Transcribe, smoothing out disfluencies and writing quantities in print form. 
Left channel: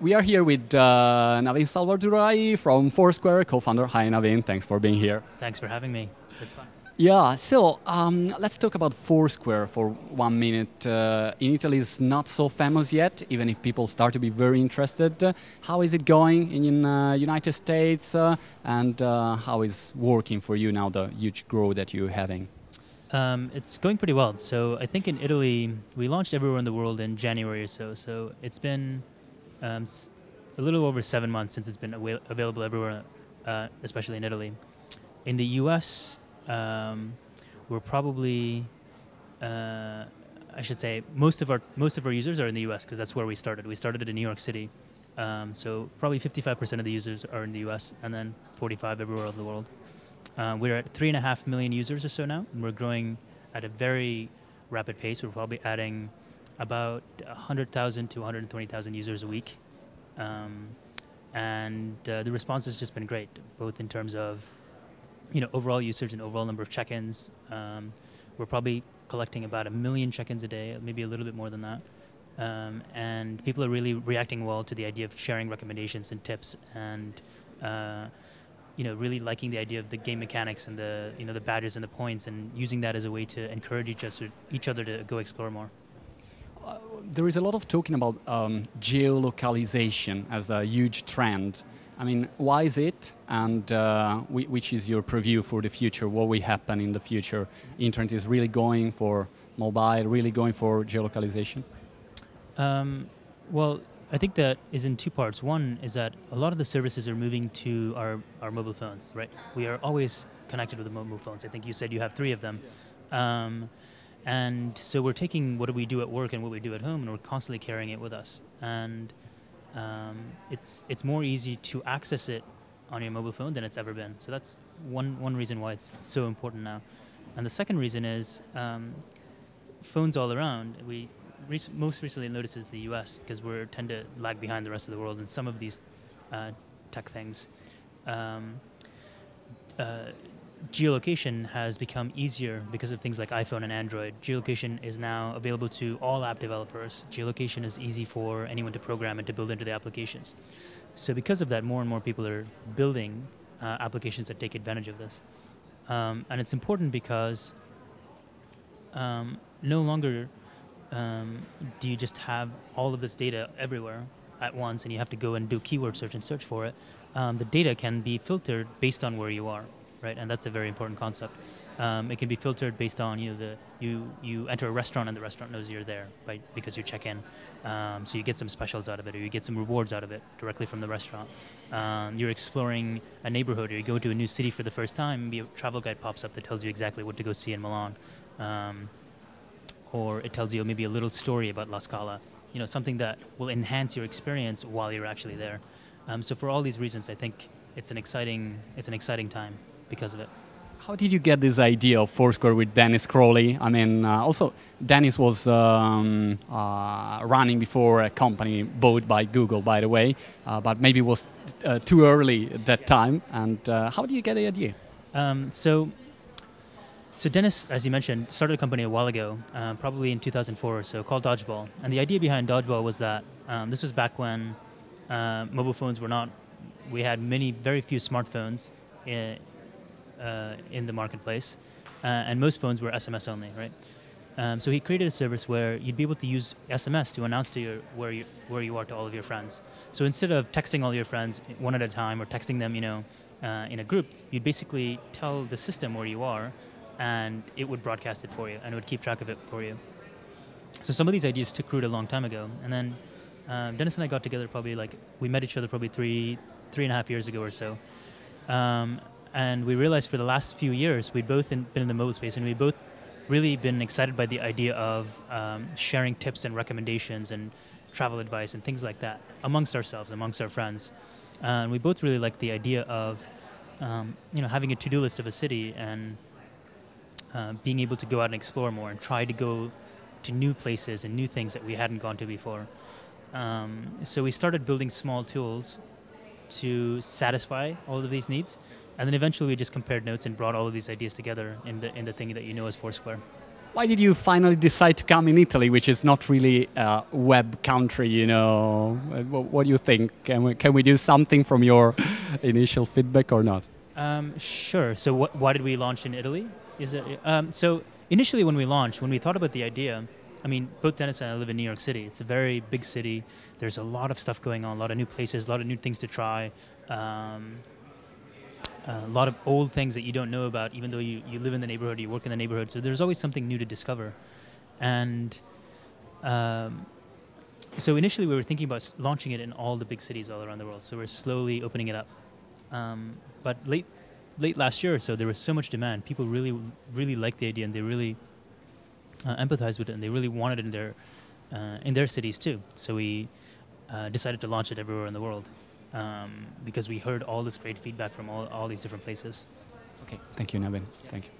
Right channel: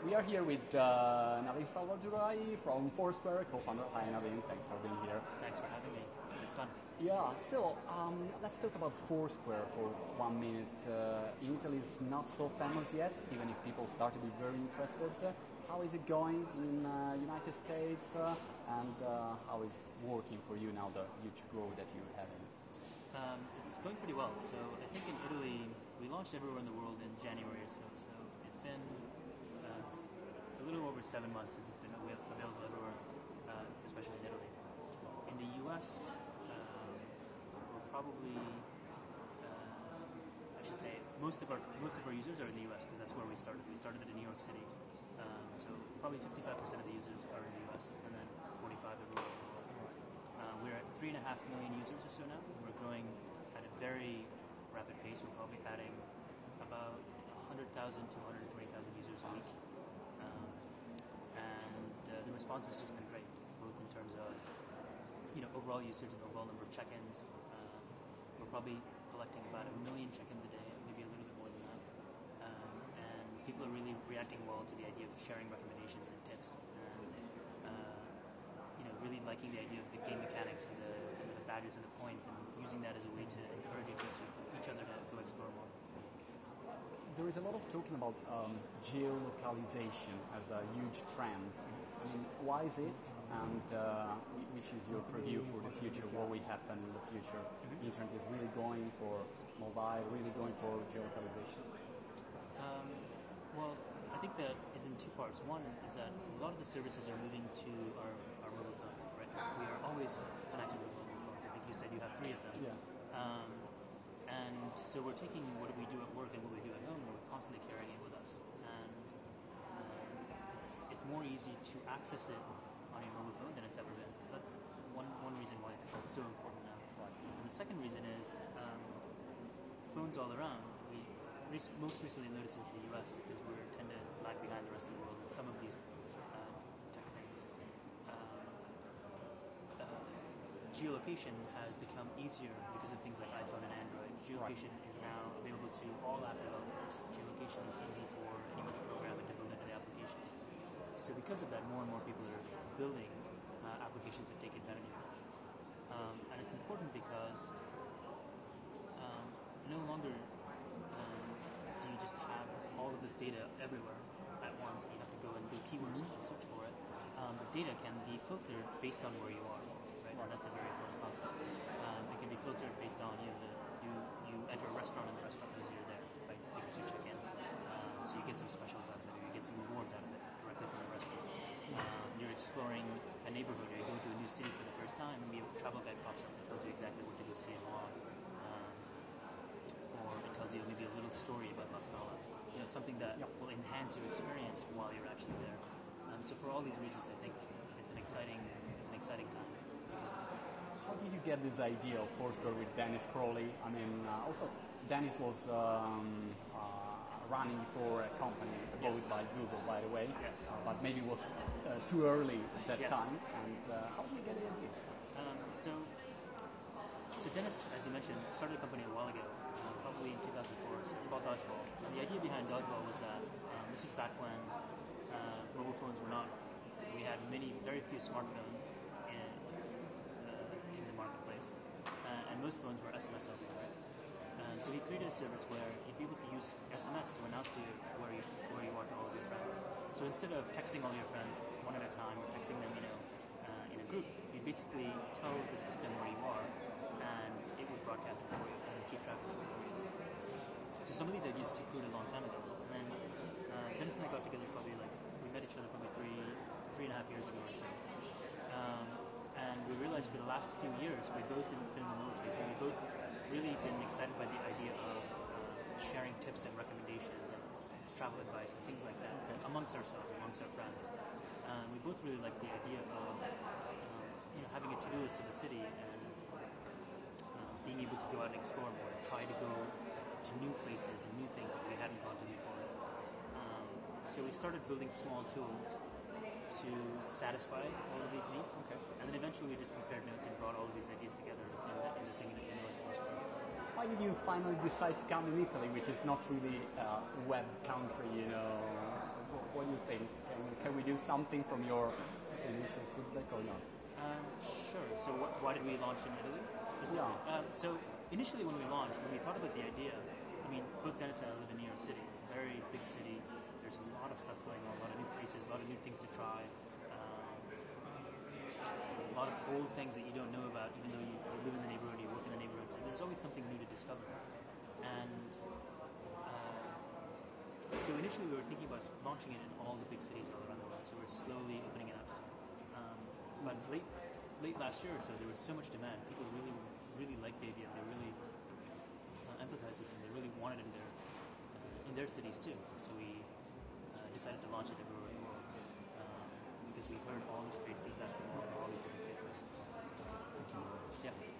We are here with Naveen Selvadurai from Foursquare, co-founder. Hi, Naveen. Thanks for being here. Thanks for having me. It's fun. Yeah, so let's talk about Foursquare for 1 minute. In Italy, it's not so famous yet, even if people start to be very interested. How is it going in United States, and how is working for you now, the huge growth that you're having? It's going pretty well. So I think in Italy, we launched everywhere in the world in January or so. So it's been a little over 7 months since it's been available everywhere, especially in Italy. In the US, we're probably, I should say, most of our users are in the US because that's where we started. We started in New York City, so probably 55% of the users are in the US, and then 45 everywhere in the world. We're at 3.5 million users or so now, and we're growing at a very rapid pace. We're probably adding about 100,000 to 120,000 users a week, and the response has just been great, both in terms of overall usage and overall number of check-ins. We're probably collecting about 1 million check-ins a day, maybe a little bit more than that. And people are really reacting well to the idea of sharing recommendations and tips, and really liking the idea of the game mechanics and the badges and the points, and using that as a way to encourage each other to go explore more. There is a lot of talking about geolocalization as a huge trend. I mean, why is it, and which is your preview for the future? What will happen in the future? Internet is really going for mobile, really going for geolocalization? Well, I think that is in two parts. One is that a lot of the services are moving to our mobile phones, right? We are always connected with the mobile phones. I think you said you have 3 of them. And so we're taking what we do at work and what we do at home, and we're constantly carrying it with us. And it's more easy to access it on your mobile phone than it's ever been. So that's one reason why it's so important now. And the second reason is phones all around. We most recently noticed is the US, because we tend to lag behind the rest of the world in some of these tech things. Geolocation has become easier because of things like iPhone and Android. Geolocation is now available to all app developers. Geolocation is easy for anyone to program and to build into the applications. So because of that, more and more people are building applications that take advantage of this. And it's important because no longer do you just have all of this data everywhere at once and you have to go and do keyword search and search for it. The data can be filtered based on where you are. Right, and that's a very important concept. It can be filtered based on you enter a restaurant and the restaurant knows you're there, right? Because you check in, so you get some specials out of it, or you get some rewards out of it directly from the restaurant. You're exploring a neighborhood, or you go to a new city for the first time. Maybe a travel guide pops up that tells you exactly what to go see in Milan, or it tells you maybe a little story about La Scala. Something that will enhance your experience while you're actually there. So for all these reasons, I think it's an exciting time because of it. How did you get this idea of Foursquare with Dennis Crowley? I mean, also Dennis was running before a company bought by Google, by the way, but maybe it was too early at that time. And how did you get the idea? So Dennis, as you mentioned, started a company a while ago, probably in 2004 or so, called Dodgeball. And the idea behind Dodgeball was that this was back when mobile phones were not. We had very few smartphones in the marketplace, and most phones were SMS only, right? So he created a service where you'd be able to use SMS to announce to where you are to all of your friends. So instead of texting all your friends one at a time or texting them, in a group, you'd basically tell the system where you are, and it would broadcast it for you, and it would keep track of it for you. So some of these ideas took root a long time ago, and then Dennis and I got together we met each other probably 3.5 years ago or so. And we realized for the last few years, we'd both been in the mobile space, and we'd both really been excited by the idea of sharing tips and recommendations and travel advice and things like that amongst ourselves, amongst our friends. And we both really liked the idea of having a to-do list of a city and being able to go out and explore more and try to go to new places and new things that we hadn't gone to before. So we started building small tools to satisfy all of these needs. And then eventually we just compared notes and brought all of these ideas together in the thing that you know as Foursquare. Why did you finally decide to come in Italy, which is not really a web country, you know? What do you think? Can we do something from your initial feedback or not? Sure. So why did we launch in Italy? Is it so initially when we launched, when we thought about the idea, I mean, both Dennis and I live in New York City. It's a very big city. There's a lot of stuff going on, a lot of new places, a lot of new things to try, a lot of old things that you don't know about, even though you live in the neighborhood, you work in the neighborhood. So there's always something new to discover. And um, so initially we were thinking about launching it in all the big cities all around the world. So we're slowly opening it up. But late last year or so, there was so much demand. People really liked the idea, and they really empathized with it, and they really wanted it in their cities too. So we decided to launch it everywhere in the world because we heard all this great feedback from all these different places. Okay, thank you, Naveen. Thank you.